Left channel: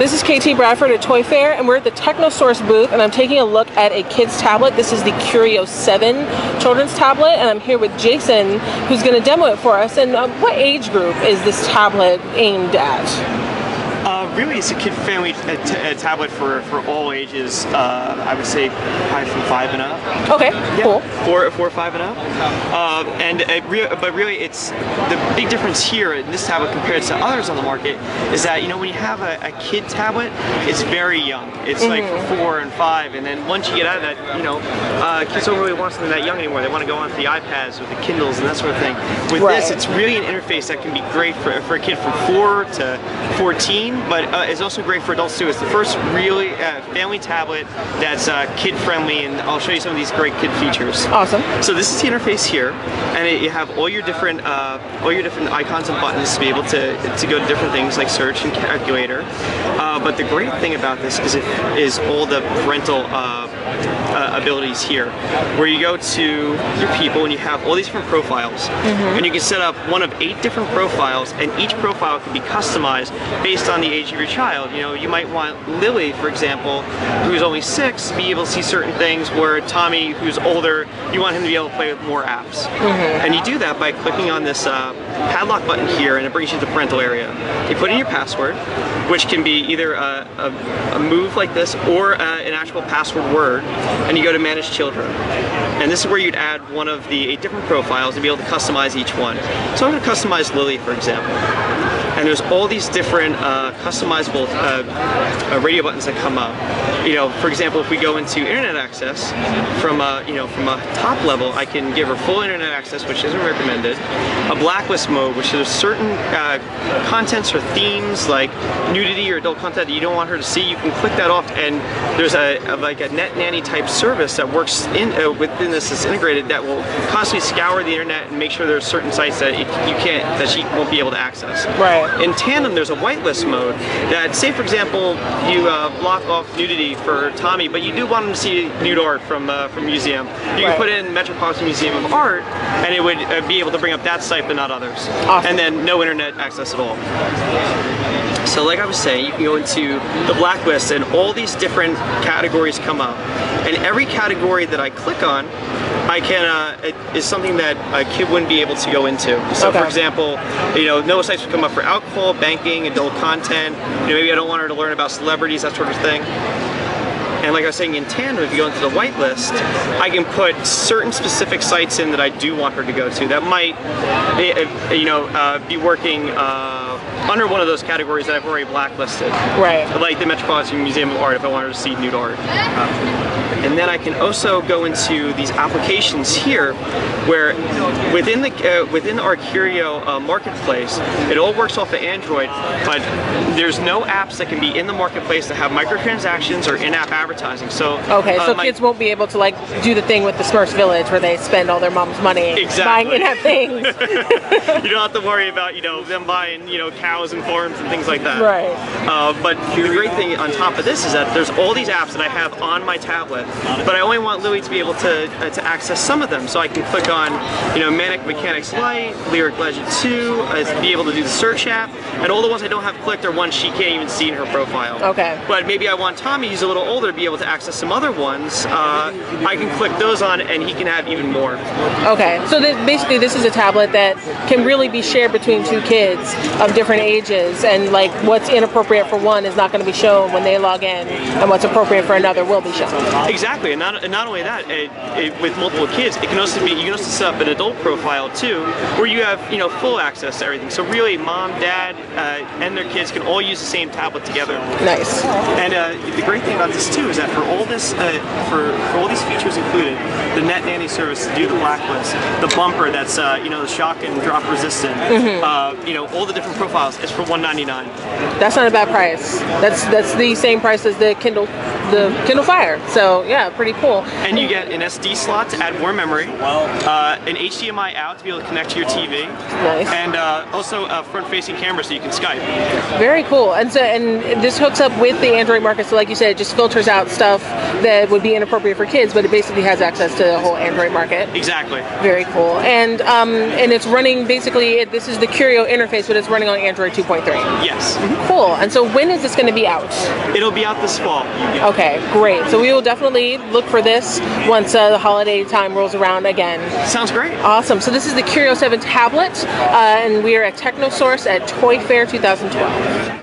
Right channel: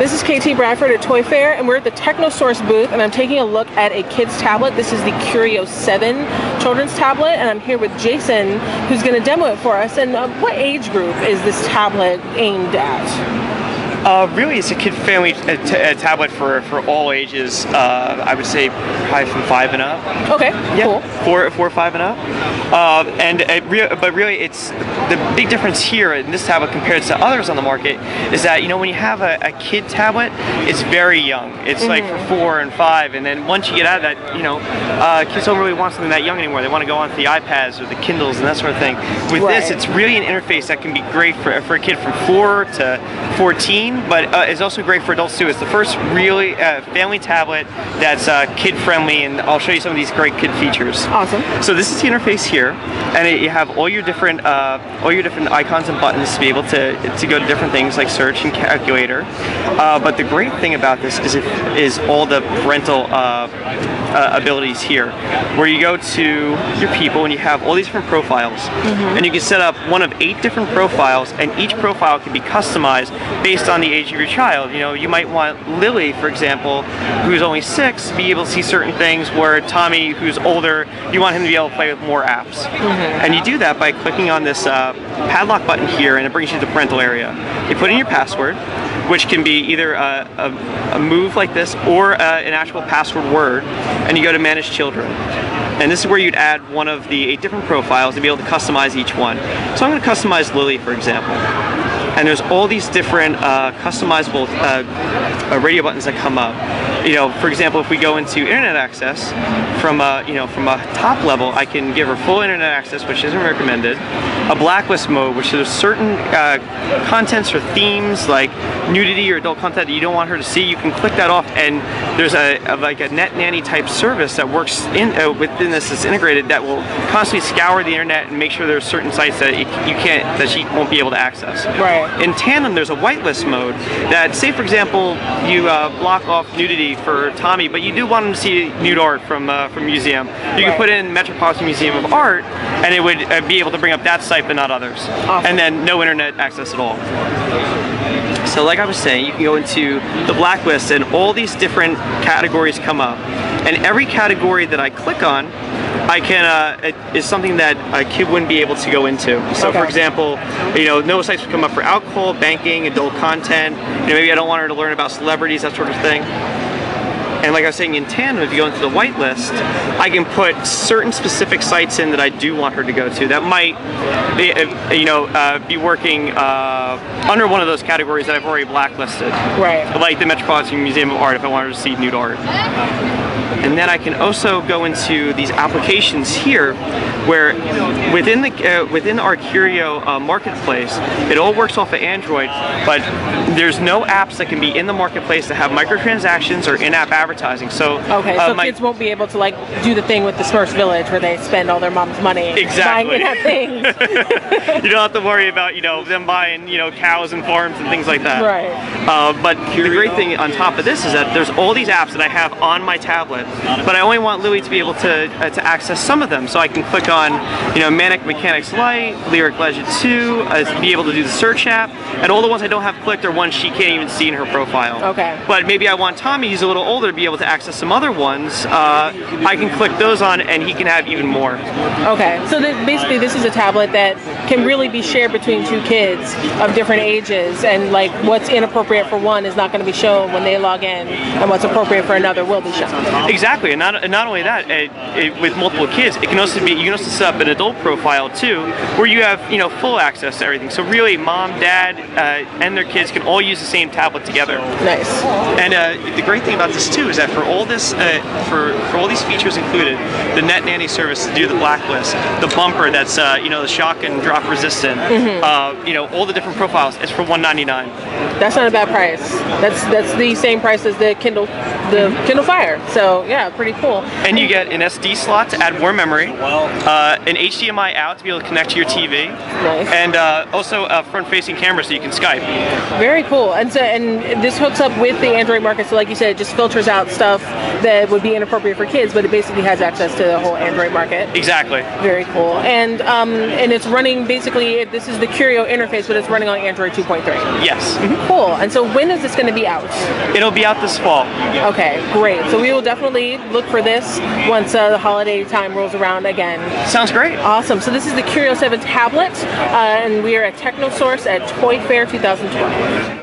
This is KT Bradford at Toy Fair, and we're at the TechnoSource booth, and I'm taking a look at a kid's tablet. This is the Kurio 7 children's tablet, and I'm here with Jason, who's going to demo it for us. And what age group is this tablet aimed at? Really, it's a kid-friendly tablet for all ages. I would say probably from 5 and up. Okay, yeah, cool. 4 or 5 and up. But really, it's the big difference here in this tablet compared to others on the market is that, you know, when you have a kid tablet, it's very young. It's like for 4 and 5, and then once you get out of that, you know, kids don't really want something that young anymore. They want to go on to the iPads or the Kindles and that sort of thing. With this, it's really an interface that can be great for a kid from 4 to 14. But it's also great for adults too. It's the first really family tablet that's kid-friendly, and I'll show you some of these great kid features. Awesome. So this is the interface here, and you have all your different icons and buttons to be able to go to different things like search and calculator. But the great thing about this is all the parental abilities here, where you go to your people and you have all these different profiles, and you can set up one of 8 different profiles, and each profile can be customized based on the age of your child. You know, you might want Lily, for example, who's only 6, to be able to see certain things, where Tommy, who's older, you want him to be able to play with more apps. And you do that by clicking on this padlock button here, and it brings you to the parental area. You put in your password, which can be either a move like this or an actual password word, and you go to Manage Children. And this is where you'd add one of the 8 different profiles and be able to customize each one. So I'm going to customize Lily, for example. And there's all these different customizable radio buttons that come up. You know, for example, if we go into internet access, from a top level, I can give her full internet access, which isn't recommended. A blacklist mode, which is certain contents or themes like nudity or adult content that you don't want her to see. You can click that off, and there's like a net nanny type service that works within this that's integrated that will constantly scour the internet and make sure there's certain sites that she won't be able to access. Right. In tandem, there's a whitelist mode that, say for example, you block off nudity for Tommy, but you do want him to see nude art from a museum. You can put in Metropolitan Museum of Art, and it would be able to bring up that site but not others. Awesome. And then no internet access at all. So like I was saying, you can go into the blacklist, and all these different categories come up. And every category that I click on, I can is something that a kid wouldn't be able to go into. So, for example, you know, no sites would come up for alcohol, banking, adult content. You know, maybe I don't want her to learn about celebrities, that sort of thing. And like I was saying, in tandem, if you go into the whitelist, I can put certain specific sites in that I do want her to go to that might, be working under one of those categories that I've already blacklisted. Right. Like the Metropolitan Museum of Art, if I want her to see nude art. And then I can also go into these applications here, where within our Kurio marketplace, it all works off of Android, but there's no apps that can be in the marketplace that have microtransactions or in-app advertising. So so kids won't be able to like do the thing with the Smurfs Village where they spend all their mom's money buying in-app things. You don't have to worry about them buying cows and farms and things like that. Right. But the great thing on top of this is that there's all these apps that I have on my tablet, but I only want Lily to be able to access some of them. So I can click on Manic Mechanics Lite, Lyric Legend 2, be able to do the search app, and all the ones I don't have clicked are ones she can't even see in her profile. Okay. But maybe I want Tommy, who's a little older, to be able to access some other ones. I can click those on, and he can have even more. Okay. So basically, this is a tablet that can really be shared between 2 kids of different ages, and like what's inappropriate for one is not going to be shown when they log in, and what's appropriate for another will be shown. Exactly, and not only that, with multiple kids, you can also set up an adult profile too, where you have full access to everything. So really, mom, dad, and their kids can all use the same tablet together. Nice. And the great thing about this too is that for all this, for all these features included, the Net Nanny service to do the blacklist, the bumper that's the shock and drop resistant, all the different profiles, it's for $199. That's not a bad price. That's the same price as the Kindle Fire. So yeah, pretty cool. And you get an SD slot to add more memory, an HDMI out to be able to connect to your TV. Nice. And also a front-facing camera so you can Skype. Very cool. And this hooks up with the Android market. So like you said, it just filters out stuff that would be inappropriate for kids, but it basically has access to the whole Android market. Exactly. Very cool. And it's running basically, this is the Kurio interface, but it's running on Android 2.3. Yes. Cool. And so when is this going to be out? It'll be out this fall. Okay, great. So we will definitely look for this once the holiday time rolls around again. Sounds great. Awesome. So this is the Kurio 7 tablet, and we are at TechnoSource at Toy Fair 2012.